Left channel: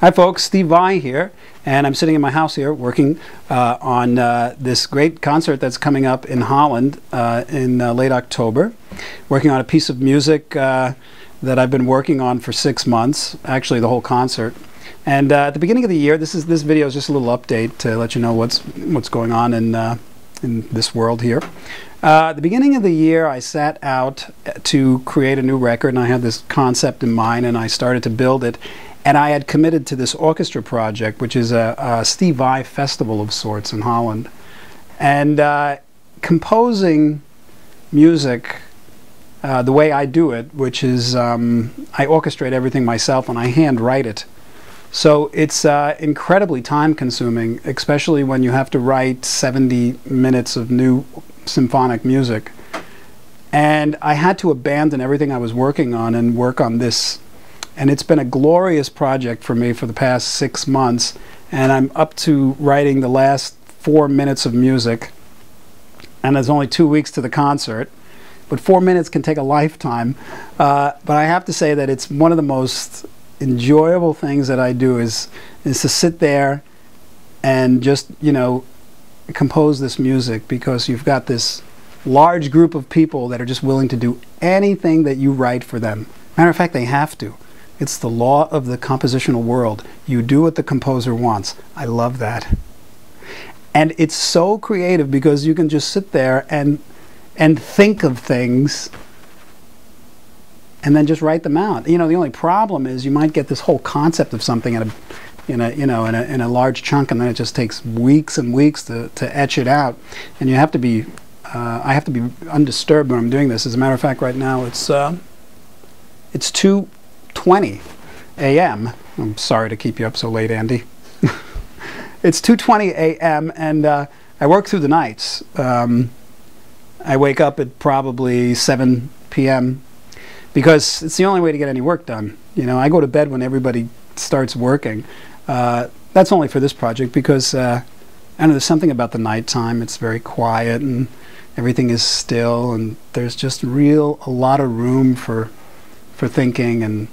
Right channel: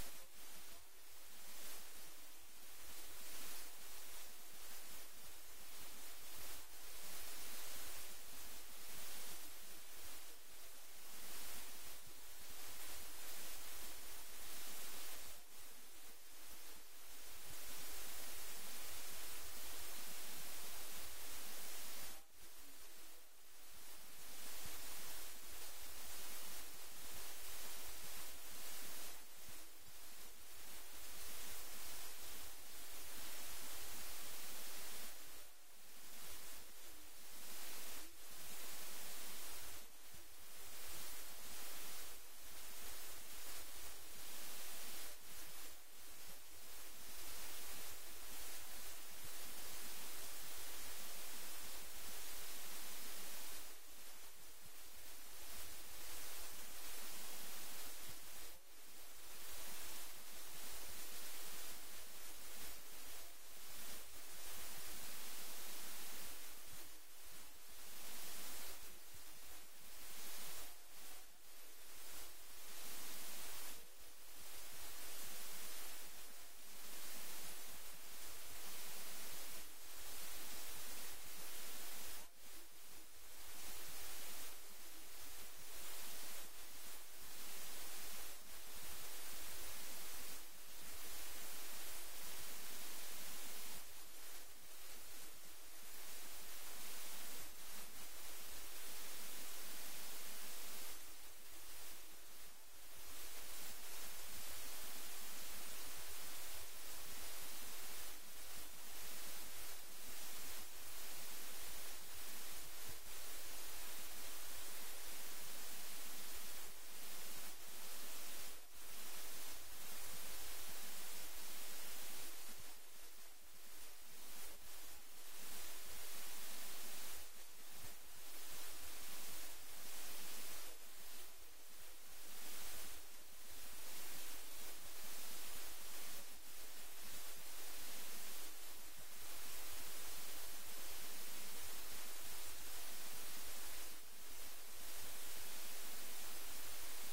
Hi folks, Steve Vai here, and I'm sitting in my house here working on this great concert that's coming up in Holland in late October. Working on a piece of music that I've been working on for 6 months, actually the whole concert. And at the beginning of the year, this video is just a little update to let you know what's going on in this world here. At the beginning of the year, I set out to create a new record, and I had this concept in mind, and I started to build it. And I had committed to this orchestra project, which is a Steve Vai festival of sorts in Holland. And composing music the way I do it, which is I orchestrate everything myself and I hand write it. So it's incredibly time consuming, especially when you have to write 70 minutes of new symphonic music. And I had to abandon everything I was working on and work on this. And it's been a glorious project for me for the past 6 months, and I'm up to writing the last 4 minutes of music, and there's only 2 weeks to the concert, but 4 minutes can take a lifetime. But I have to say that it's one of the most enjoyable things that I do is to sit there and just, you know, compose this music, because you've got this large group of people that are just willing to do anything that you write for them. Matter of fact, they have to. It's the law of the compositional world. You do what the composer wants. I love that. And it's so creative because you can just sit there and think of things and then just write them out. You know, the only problem is you might get this whole concept of something in a large chunk, and then it just takes weeks and weeks to etch it out. And you have to be I have to be undisturbed when I'm doing this. As a matter of fact, right now it's 2:20 a.m. I'm sorry to keep you up so late, Andy. It's 2:20 a.m. and I work through the nights. I wake up at probably 7 p.m. because it's the only way to get any work done. You know, I go to bed when everybody starts working. That's only for this project because I know there's something about the nighttime. It's very quiet and everything is still, and there's just a lot of room for thinking and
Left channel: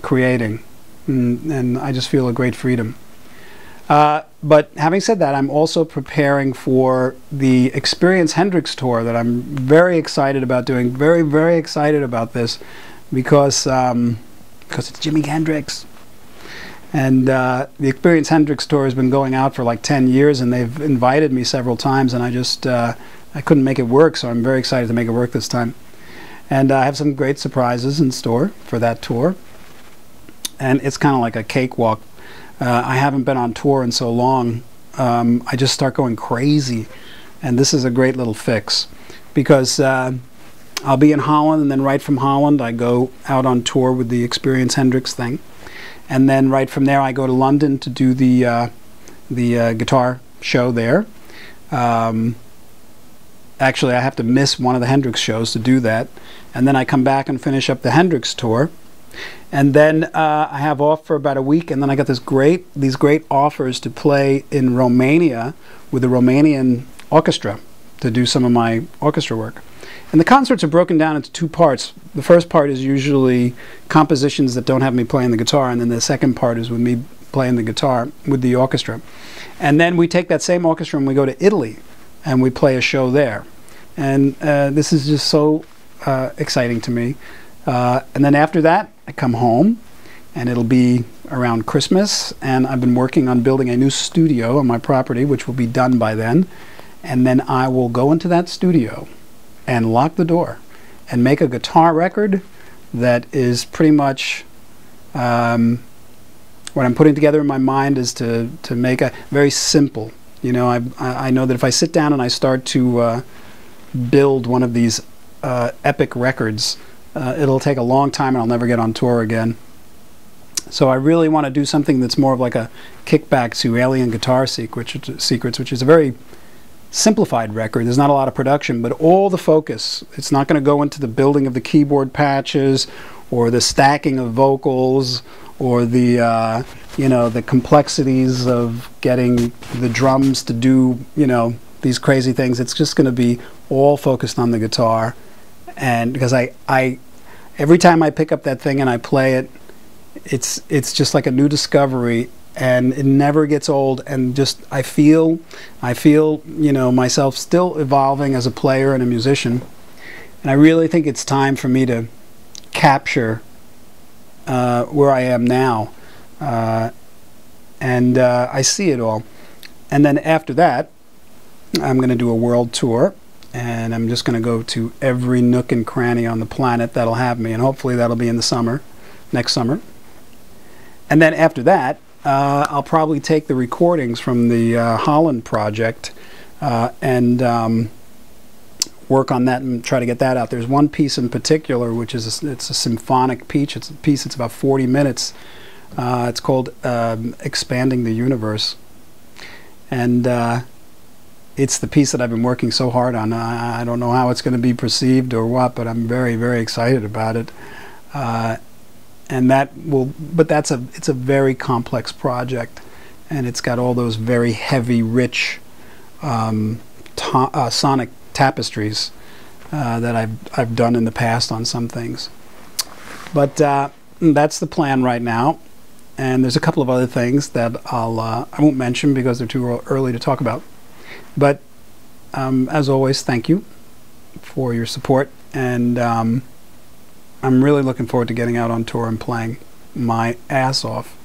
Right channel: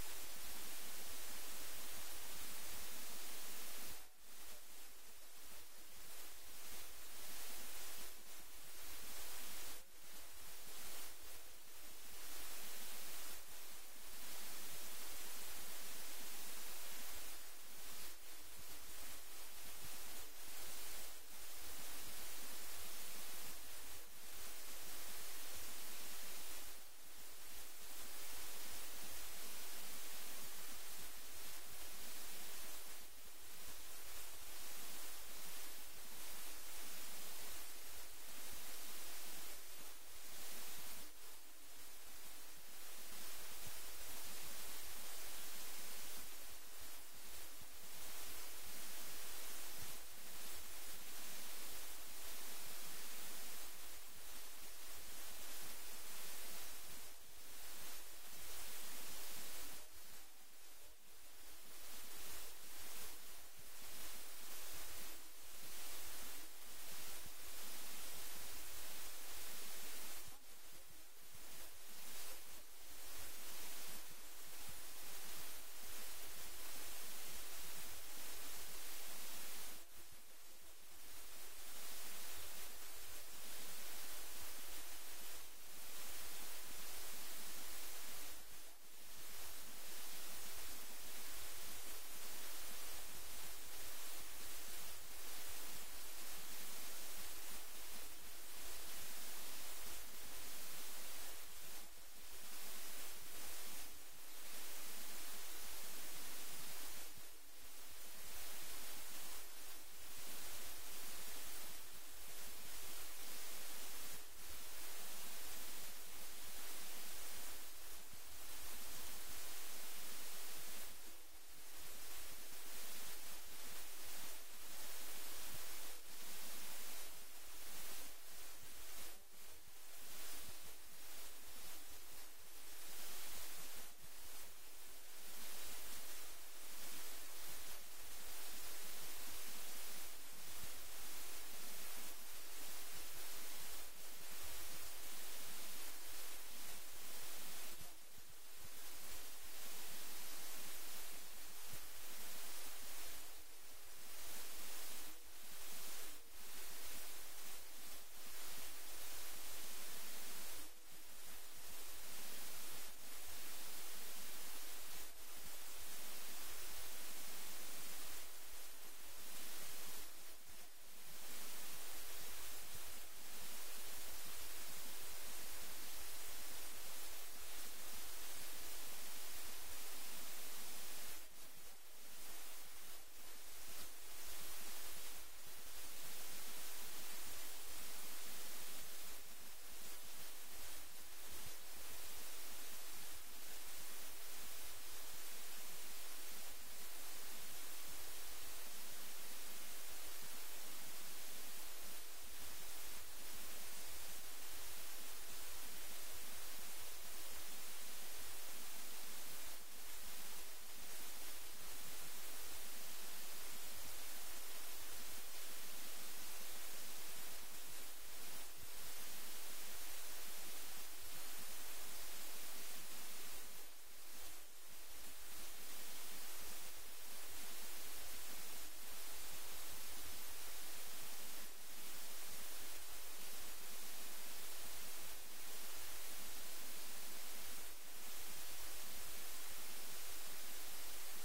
creating, and I just feel a great freedom. But having said that, I'm also preparing for the Experience Hendrix tour that I'm very excited about doing. Very, very excited about this because it's Jimi Hendrix. And the Experience Hendrix tour has been going out for like 10 years, and they've invited me several times, and I just I couldn't make it work, so I'm very excited to make it work this time. And I have some great surprises in store for that tour. And it's kind of like a cakewalk. I haven't been on tour in so long. I just start going crazy. And this is a great little fix. Because I'll be in Holland, and then right from Holland I go out on tour with the Experience Hendrix thing. And then right from there I go to London to do the guitar show there. Actually, I have to miss one of the Hendrix shows to do that. And then I come back and finish up the Hendrix tour. And then I have off for about a week, and then I got these great offers to play in Romania with the Romanian orchestra to do some of my orchestra work. And the concerts are broken down into 2 parts. The first part is usually compositions that don't have me playing the guitar, and then the second part is with me playing the guitar with the orchestra. And then we take that same orchestra and we go to Italy, and we play a show there. And this is just so exciting to me. And then after that, I come home, and it'll be around Christmas, and I've been working on building a new studio on my property, which will be done by then. And then I will go into that studio and lock the door and make a guitar record that is pretty much what I'm putting together in my mind is to make a very simple. You know, I know that if I sit down and I start to build one of these epic records, it'll take a long time and I'll never get on tour again. So I really want to do something that's more of like a kickback to Alien Guitar Secrets, which is a very simplified record. There's not a lot of production, but all the focus, it's not going to go into the building of the keyboard patches or the stacking of vocals or the you know, the complexities of getting the drums to do, you know, these crazy things. It's just going to be all focused on the guitar. And because I every time I pick up that thing and I play it, it's just like a new discovery, and it never gets old. And just I feel you know, myself still evolving as a player and a musician, and I really think it's time for me to capture where I am now, and I see it all. And then after that, I'm going to do a world tour, and I'm just going to go to every nook and cranny on the planet that'll have me, and hopefully that'll be in the summer, next summer. And then after that, I'll probably take the recordings from the Holland project and work on that and try to get that out. There's one piece in particular, which is it's a symphonic piece. It's about 40 minutes. It's called Expanding the Universe, and it's the piece that I've been working so hard on. I don't know how it's going to be perceived or what, but I'm very, very excited about it. And it's a very complex project, and it's got all those very heavy, rich sonic tapestries that I've done in the past on some things. But that's the plan right now, and there's a couple of other things that I won't mention because they're too early to talk about. But as always, thank you for your support, and I'm really looking forward to getting out on tour and playing my ass off.